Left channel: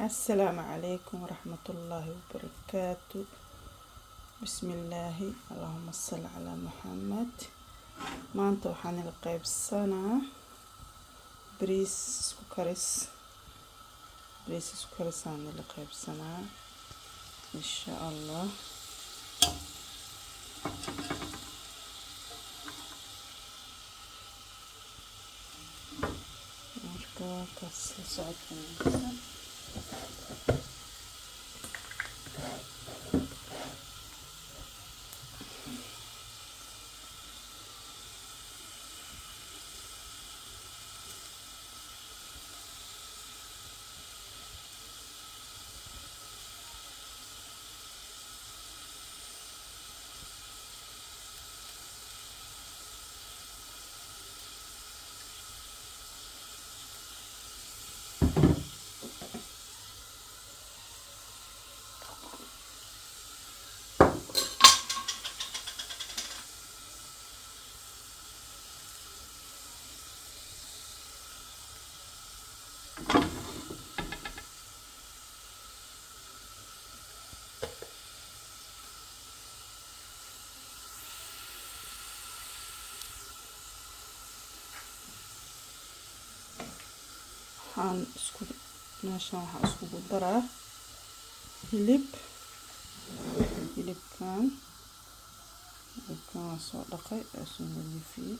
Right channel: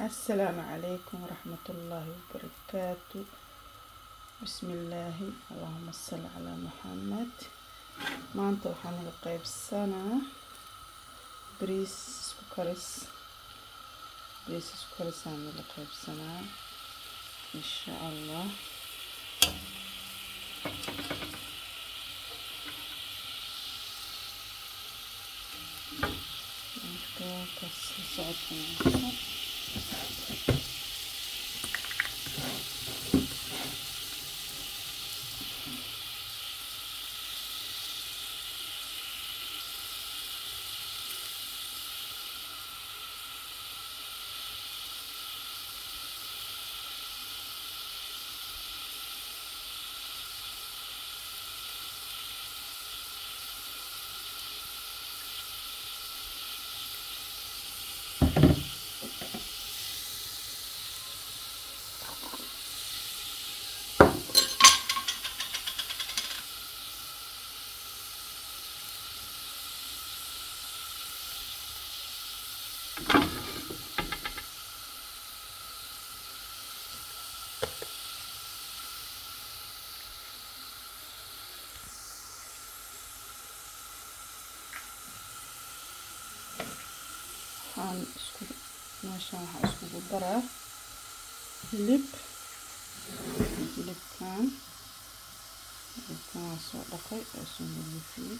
السلام عليكم ورحمة الله وبركاته. بسم الله اللهم صل على محمد. maanta waxaan ila qaybsanaa bariis isku karis aan ila qaybsanaa insha Allah. marka kaas socodka meeshaan waxaan iskugu daraa hilibkan waa soo dhaqay oo soo nadiifiyey.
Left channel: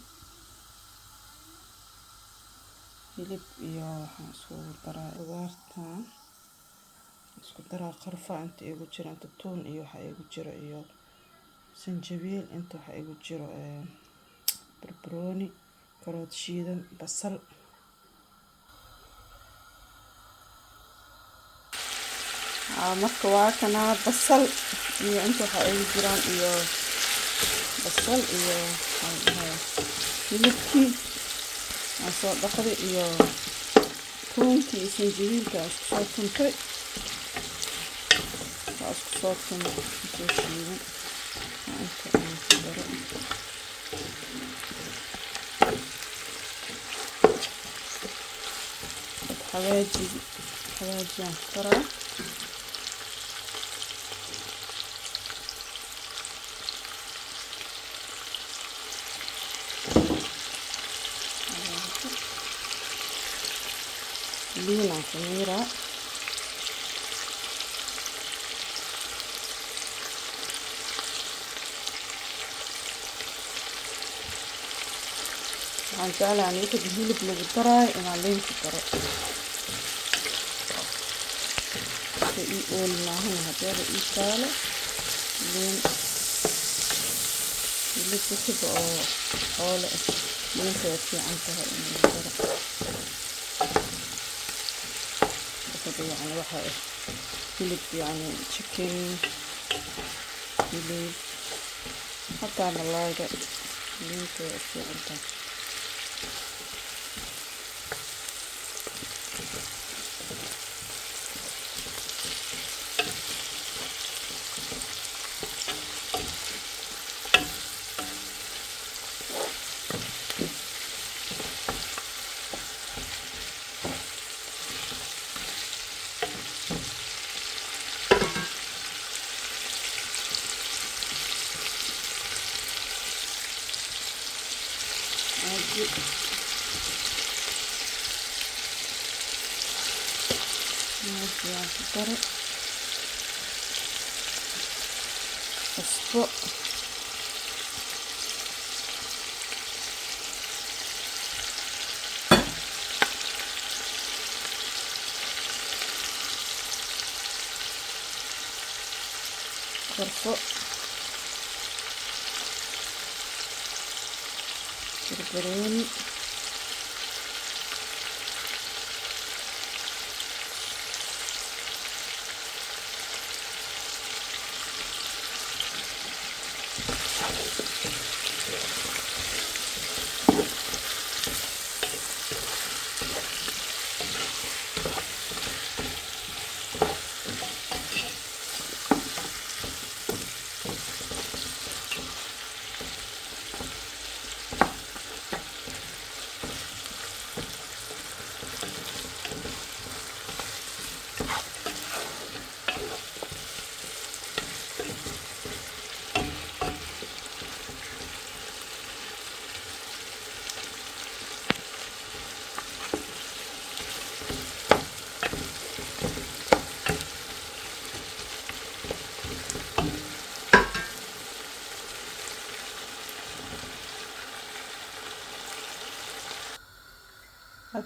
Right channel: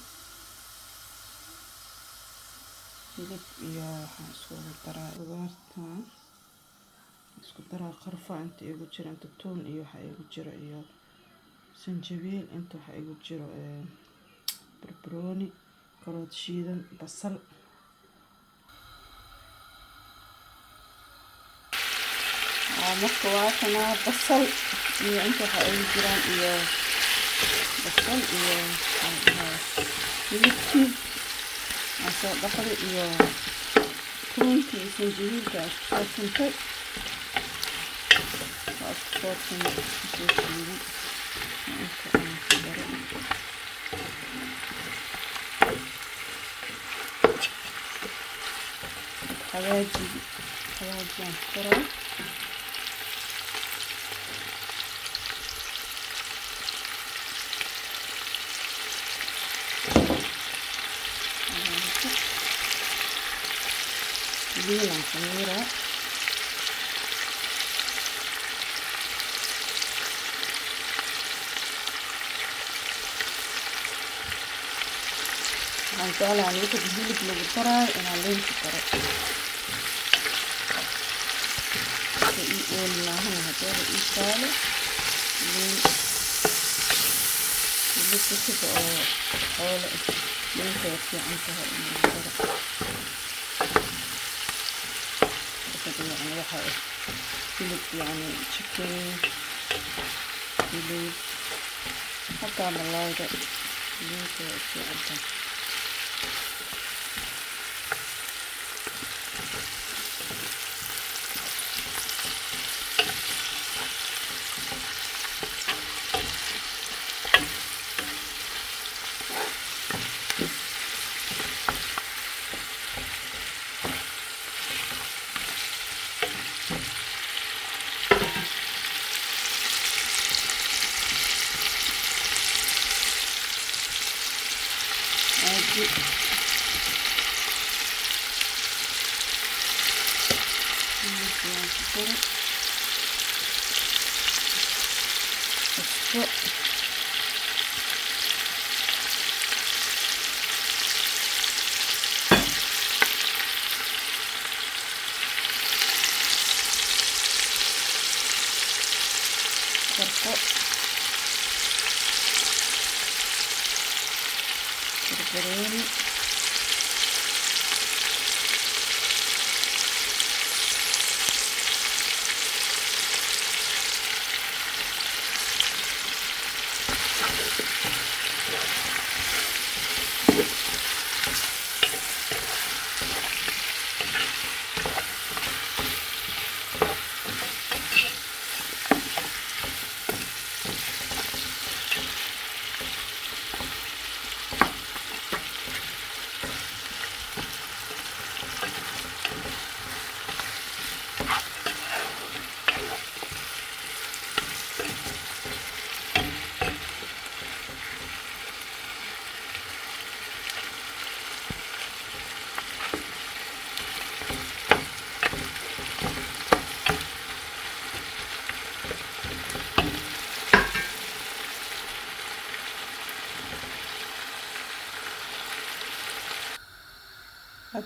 hilib iyo waxaan iskugu daraa qudaartan isku daraa qarfa inta igu jira, inta toon iyo waxa igu jira iyo sanjabiil, inta waxa igu jiro barbarooni, karoot shiidan, basal. marka waa kana basal iyo inta waxa igu jiraan iyo basal iyo hilibkii aan soo dhaqday iyo toontii iyo sanjabiilka isku soo tuntay inta aan ku daro xawaajiyaan ku daraa liilan ku miiraa waxaan jeclahay marka hilib lagu daraayo inaan liin ku daro si ii ooli maahan haddaba ii taalo liin hilibka sida oo xoolo liinta way fiican tahay in lagu daro يعني waxa hilib yani chicken hilib hataa malayga liinta way fiican tahay. cusbo korko barbarooni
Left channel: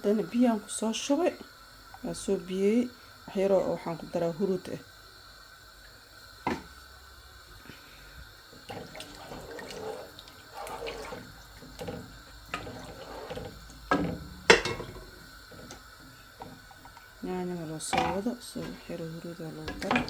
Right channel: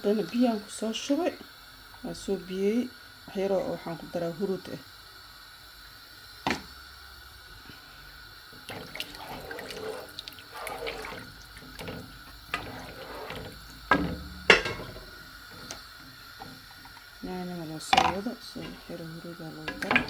haddana biyaan ku soo shubay waa soo biyey waxyaroo waxaan ku daraa huruud ah yaanyada loo soo wado soo waxyaroo huruudaa lagu daro